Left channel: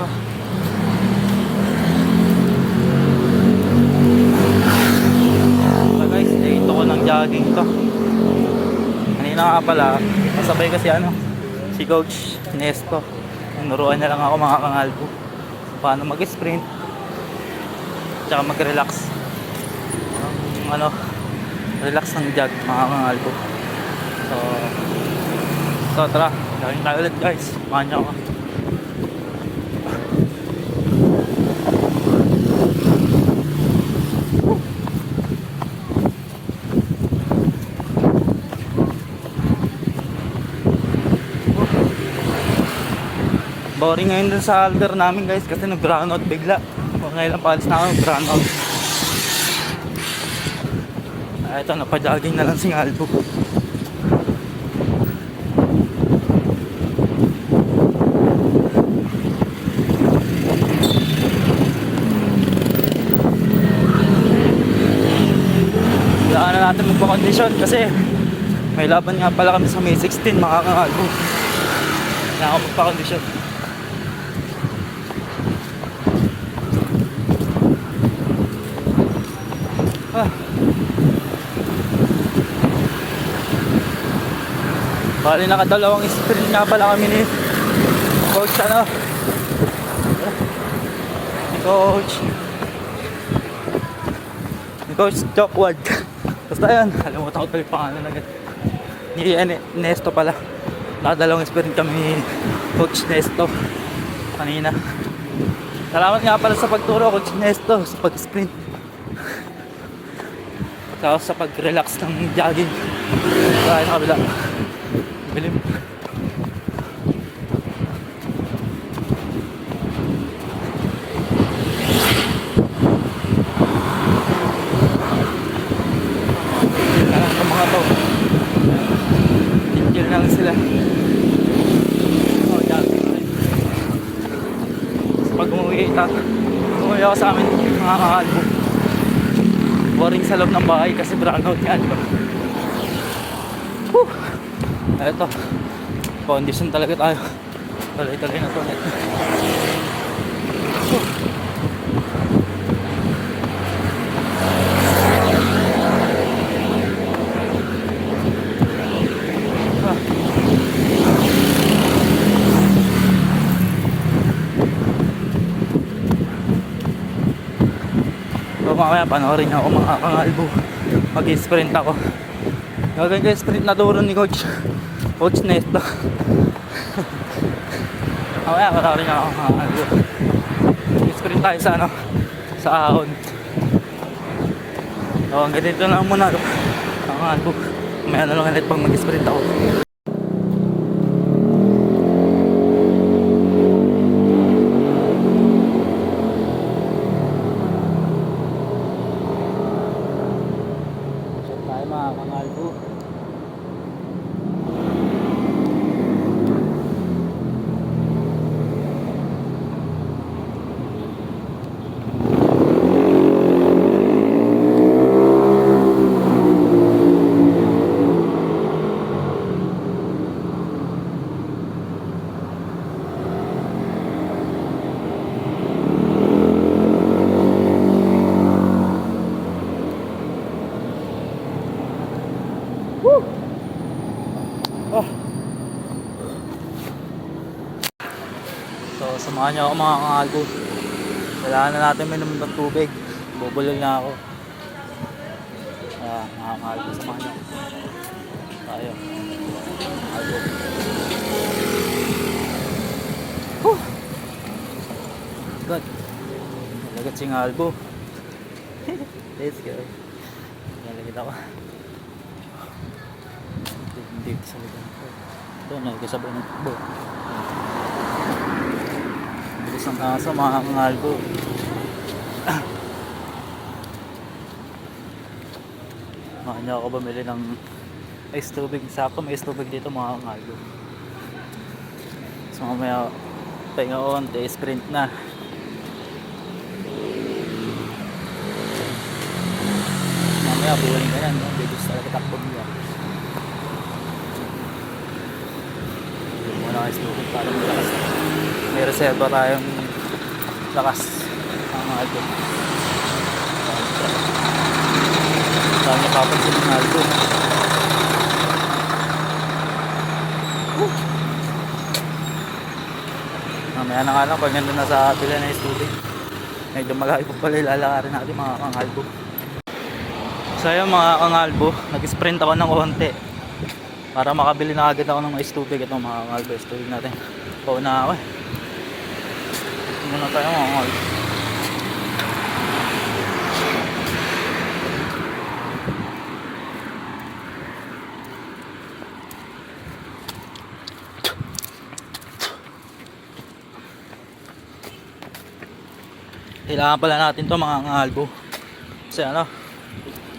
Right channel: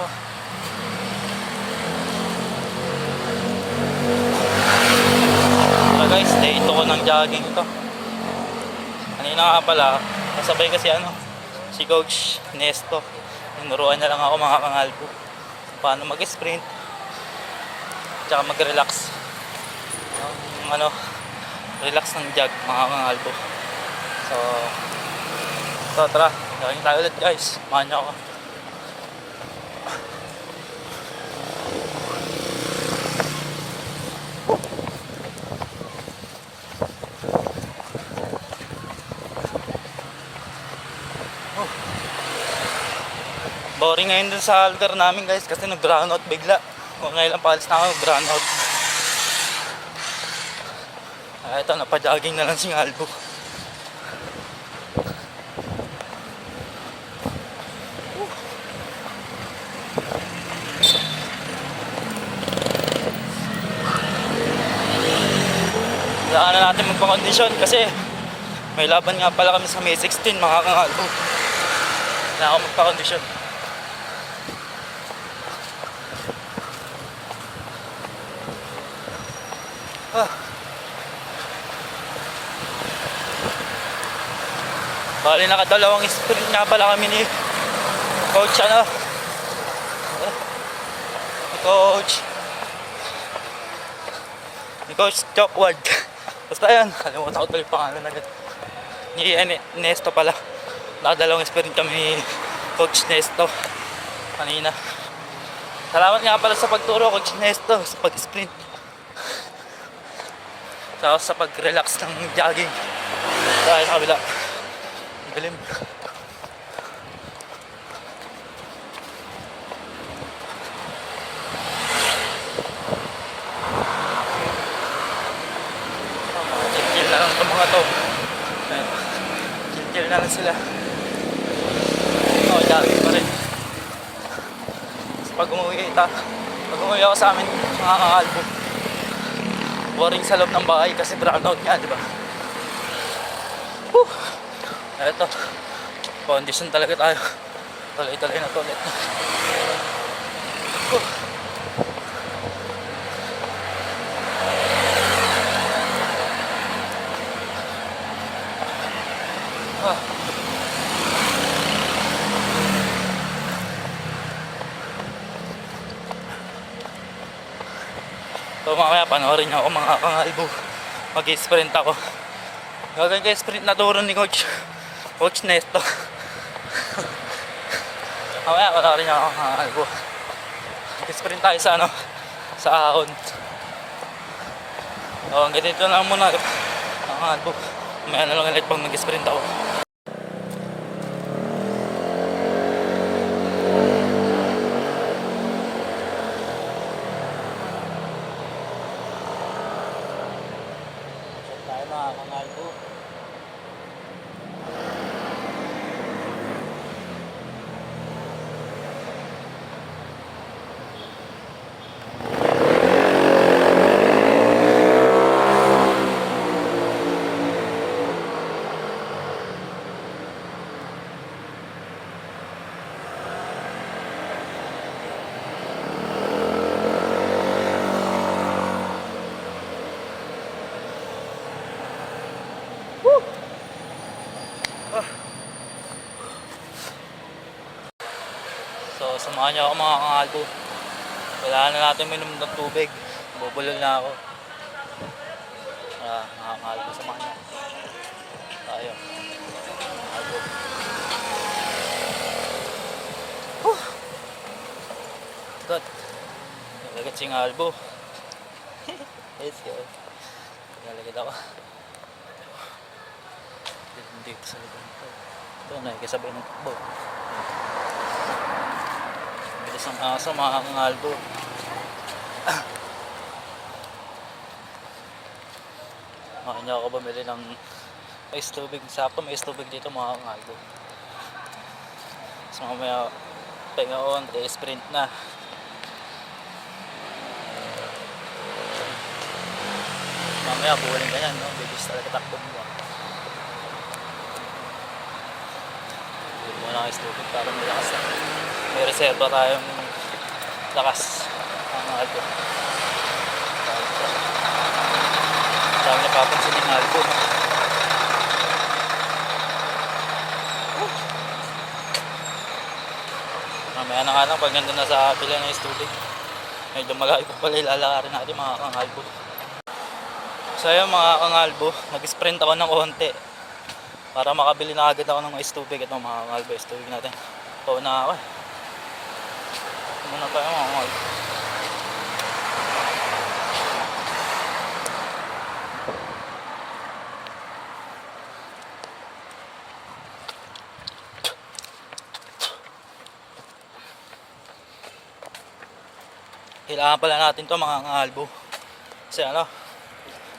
Oh. So guys, day 2 ko ng jogging ito. Kanina nga pala, kasabay kasi si Coach Nesto. Tinuruan niya lang ako mga kangalbo paano mag-sprint tsaka mag-relax. Relax ng jog mga kangalbo. So tara, gawin tayo ulit guys. Samahan niyo ako. Boring ngayon dun sa alder namin guys kasi nag-brownout bigla. Kung ngayon lang palis na ako, brownout. Ito, napajogging na lang si Albo. Kailangan na natin magpa-condition kasi may laban nga pala kami sa May 16 mga kangalbo. Kailangan ako magpa-condition. Bali nakadalawang sprint nga pala kami ni Coach ni Coach Chockward. Basta yun, kalimutan ko tuloy pangalan agad. Ni Nesto pala. Nakadalawang sprint kami ni Coach Nesto kanina. Salamat nga pala sa pagturo Coach Nesto sa pag-sprint. Tapos sa pag-relax ng jogging. Sa kabila. Galing. Chill na lang itong mga to. Chill na lang sila. Jogging pa rin. Pag umuwi ako sa amin mga kakalbo, boring sa loob ng bahay kasi brownout nga, diba? Eto, condition talaga tayo. Tuloy-tuloy na to ulit. So mamaya panoorin niyo ako mga kangalbo. Mag-sprint ako. Gagawin ko yung sprint na turo ni Coach Nesto. Mamaya panoorin niyo ako mga kangalbo. Mag-sprint tayo sa ahon. So hanggang dito lang muna mga kangalbo. Mamaya na lang ulit pag mag-sprint ako. Mga kangalbo. So samahan niyo ako mga kangalbo. Kailangan na natin minom ng tubig. Bubulol na ako. Mga kangalbo, samahan niyo ako. Tayo. Kangalbo. Good. Nalagat si kangalbo. Let's go. Nalagat ako. Hindi ko sa likod ko. Ito, nagkasabay ng takbo. Bilis ng aso mga kangalbo. Makanya ako bumili ng ice tubig. Sakto may ice tubig dito mga kangalbo. So mamaya pahinga onte, sprint na. Mamaya buwaling ka na, no? Bilis talaga takbo niya. Muna ice tubig para may lakas na. May reserva tayong Lakas. Mga albo. Dami nakapansin ng albo. Mamaya na nga lang pag nandun na sa pila na yung tubig. Medyo malayo pa pala ilalakarin natin mga kangalbo. So yun mga kangalbo, nag-sprint ako ng konti para makabili na agad ako ng mais tubig. Ito mga kangalbo, mais tubig natin. Pauna ako eh. Muna tayo mga kangalbo. Kailangan pala natin to mga kangalbo. Kasi ano,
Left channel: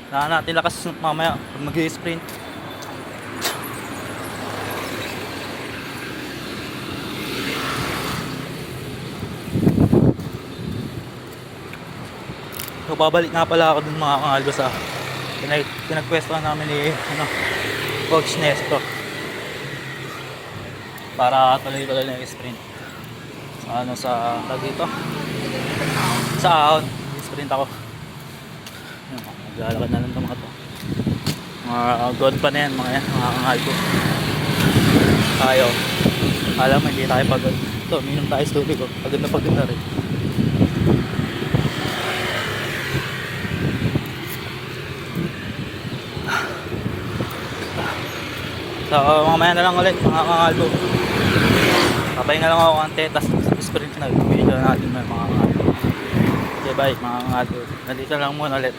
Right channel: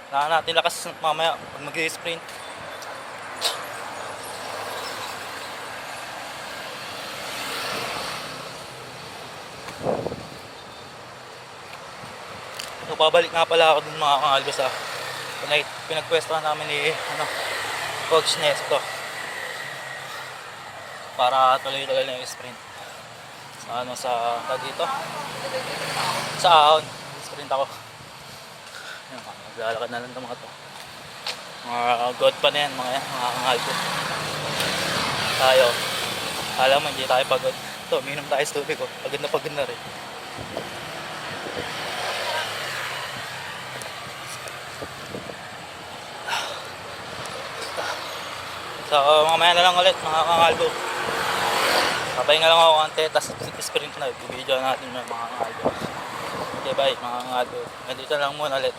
kailangan natin lakas mamaya pag mag-sprint. So babalik nga pala ako dun mga kangalbo sa pinagpwestuhan namin ni Coach Nesto para tuloy-tuloy na yung sprint. Ano sa dito? Sa ahon, sprint ako. Maglalakad na lang ito mga to. Mga god pa na yan mga kangalbo. Tayo, alam mo hindi tayo pagod. Ito, minum tayo sa tubig ko. Pagod na rin. So mamaya na lang ulit mga kangalbo. Papahinga lang ako konti, tapos sprint na. Video natin mga kangalbo. Okay bye mga kangalbo. Nandito lang muna ulit.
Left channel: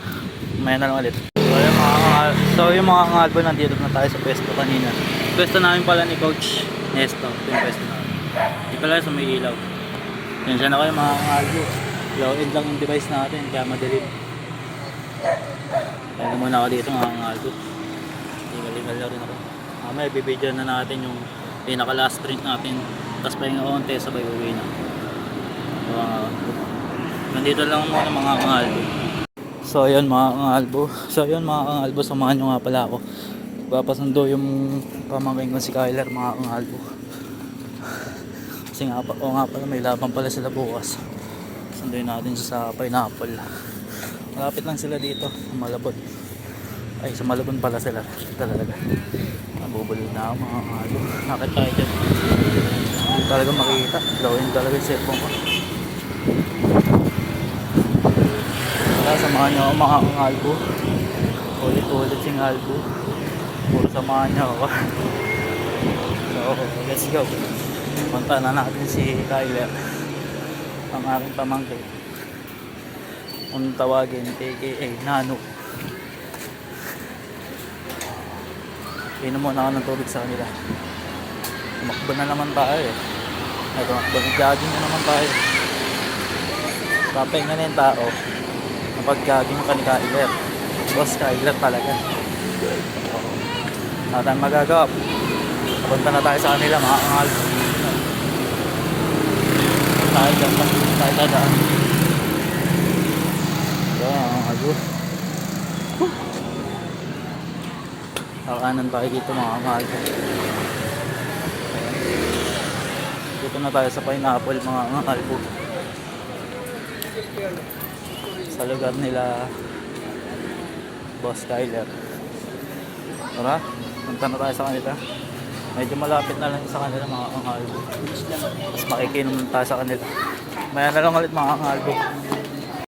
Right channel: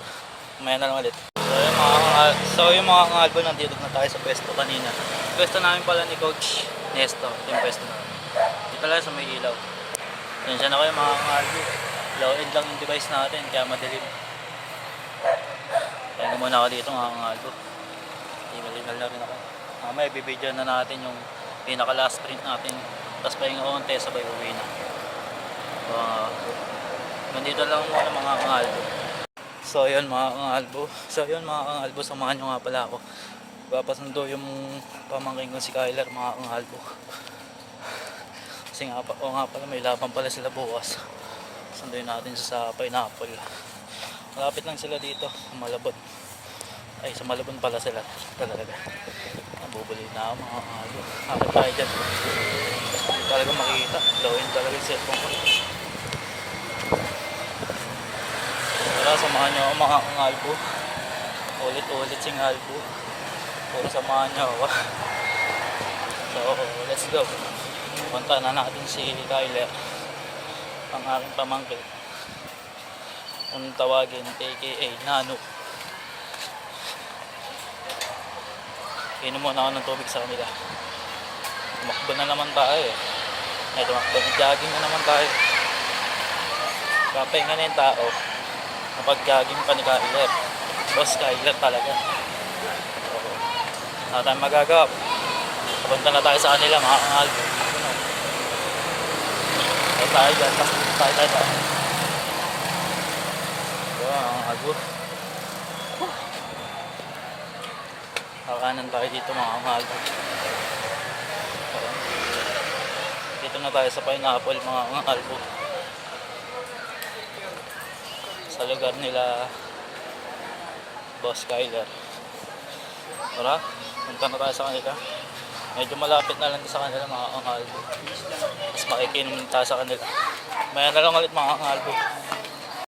Mamaya na lang ulit. So yung mga kangalbo, nandito na tayo sa pwesto kanina. Pwesto namin pala ni Coach Nesto. Itong pwesto namin. Di pala sa may ilaw. Yan siya na kayo mga kangalbo. Low end lang yung device natin, kaya madilim. Kaya muna ako dito mga kangalbo. Hingal na rin ako. Mamaya bibidyo na natin yung pinaka last sprint natin. Tapos pahinga konti, sabay uwi na. So, nandito lang muna mga kangalbo. So yun mga kangalbo, samahan nyo nga pala ako. Papasundo yung pamangking ko si Kyler mga kangalbo. Kasi nga pala may laban pala sila bukas. Sunduin natin sa Pineapple. Malapit lang sila dito sa Malabon. Ay sa Malabon pala sila talaga. Nabubulol na ako mga kangalbo. Nakit tayo dyan. Hindi talaga makikita. Blowin talaga yung cellphone ko. Wala, samahan nyo ako mga kangalbo. Ulit sing albo. Puro samahan nyo ako. So let's go. Punta na natin si Tyler, ang aking pamangkin. Kung tawagin, aka Nano. Inom muna ako ng tubig sa kanila. Tumakbo na naman tayo eh. Ay, tumakbo, nag-jogging na naman tayo. Papahinga na yung tao. Napag-jogging pa ni Kyler. Boss Kyler talaga. So, wala tayong magagawa. Papunta na tayo sa kanila mga kangalbo. Tayo dyan. So, kangalbo. Kakanan tayo dito mga kangalbo. Dito na tayo sa Pineapple mga kangalbo. Sa lugar nila Boss Kyler. Tara, punta na tayo sa kanila. Medyo malapit na lang sa kanila mga kangalbo. Tapos makikinom na tayo sa kanila. Maya na lang ulit mga kangalbo.